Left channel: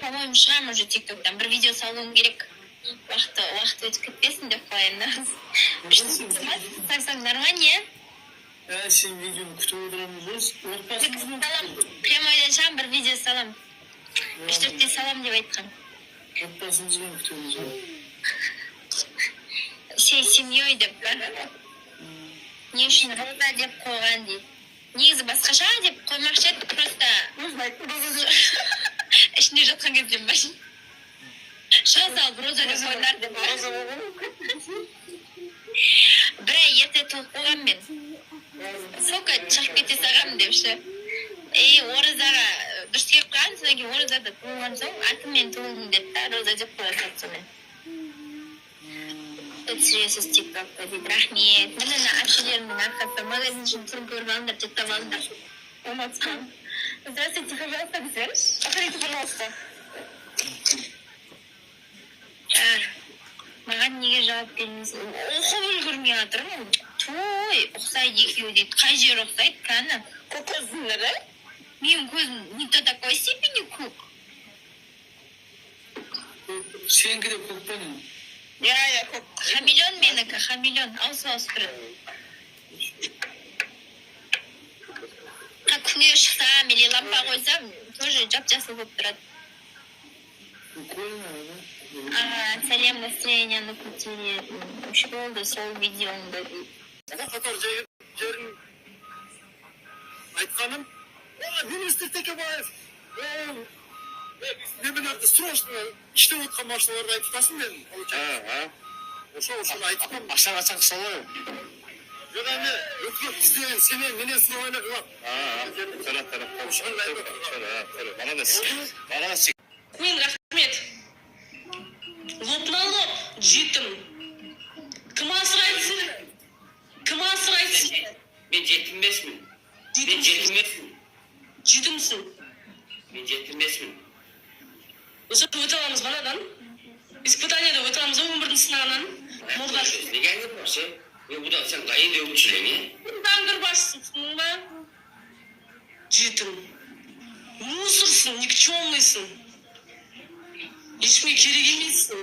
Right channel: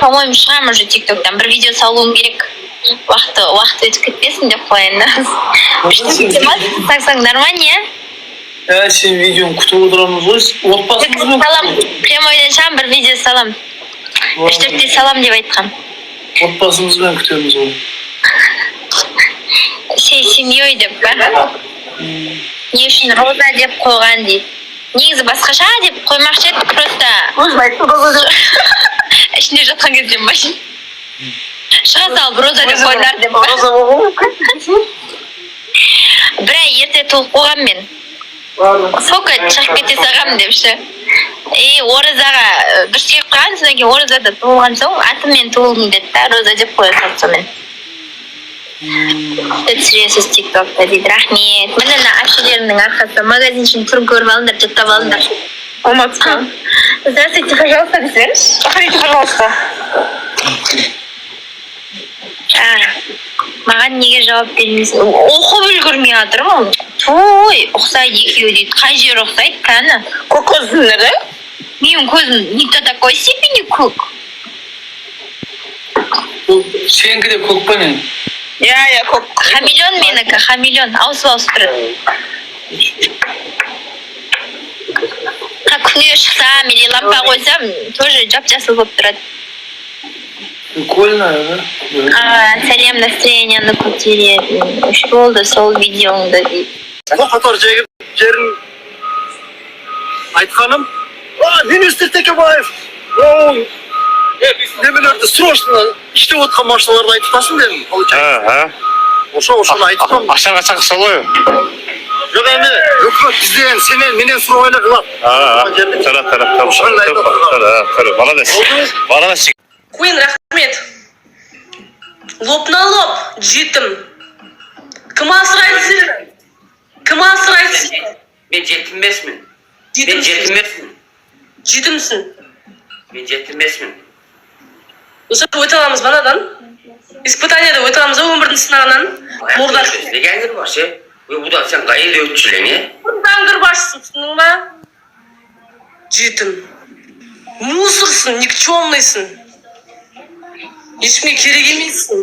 по-моему, шығамын уже тиктоктан. Бір видео салуым керек. Уақыт өтіп кетпесін деп қояйын. Саңсаңдар ма, не? Сен видеоны күтіп отырамыз ғой. Отбасымызбен прямойдан шығам, бір видео салам. 3-4 салам деп айтқам. Отбасымызбен күтеміз ғой. Сен семьей деп па? Не үшін Роза деп қойған дейді. Негізі басқаша деп қоймақшы еді, просто... Өзім айттым Роза деп. Ішінде жатқан кезде машин. Шыға салып Роза деп қойдар деп па? Роза болған мүмкін. Бір ай ерте туылып қойған мен. Соқа шығып кете сағам депші. Оразаға дұрыс келіп қойған, содан кейін оразада туылған соң атыммен туылдым деді да, Роза деп қоя салды сонымен. Түсіресіз тиктокта дейді. Рахмет. Міне әпшелерімнің арқасы. Магазиншінің түрін көріп алыңдар, жаттап алыңдар. Алматыға. Здравствуйте, пожалуйста, десеңіз. Заходите, пожалуйста. Маған неге жауап бермейсің? Оқып үлгермей жатырмын. Той, ұқсайды екеуі дейді. Қай жер ұқсайды, кәні? Көк көзіңдері? Менің көзім не до такой степени көк. Сенікі де көк па мен? Я көк. Хамелеон менікі, хамелеон. Ауысып тұрады. Күнге шықсам, или лампа қойсам, тоже жап-жасыл болып тұрады. Прикольно, да? Сәлем, настроениені көтереді. Үш болды сол видеоңды дейді. Қатар жерін айтқаным, министр Текебаев, немелерді срочно іште отқан машиналарды айтып тасын дедім. Ошаны айтып Ақшаға шақырса ғой. жоқ әне, үкімет бізден, сенен, менен сұрауына қылап. Молодец. Queen, рахмет. Лоб на лоб, жетім. Кім асырайды сені? Кім асырайды сені? Мен жетіммесмін. Жетімсің. Мен жетіммесмін. Осы өте аламыз банадан. Испытанияда өте аламыз өмірдің сынағынан. Мұрда. Неге әңгір бар, ше? Бұдан сен қайда өтшілең, е? Даңғыр башсың, түсінің ба? Жетім. Мусорсың, никчемныйсың. Ешкімге керек емессің.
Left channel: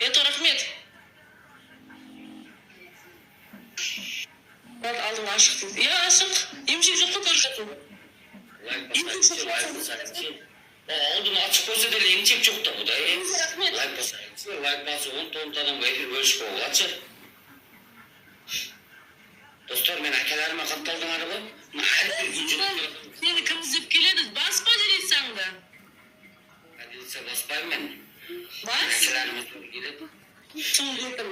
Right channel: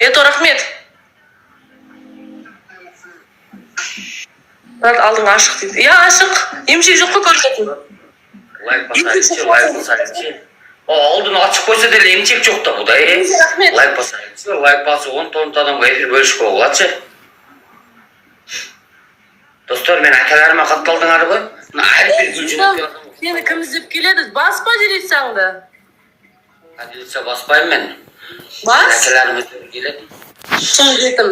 Это рахмет. Алдың ашық дейді. Я ашық. Емшек жоқ қой көрсетін. Лайк басайыншы. Алдын ашық қойса дәлі емшек жоқ та бұда, е? Лайк басайыншы. Лайк басы 10 адамға эфир бөлішіп оғыладшы. Достар, мен әкелеріме қатталдыңар ғой. Әрбір күлжін. Сені кім іздеп келеді? Баспа делетсаңды. Әделетсе баспайым мен. Бас? Әкелеріме іздеп келеді. Шын жетім.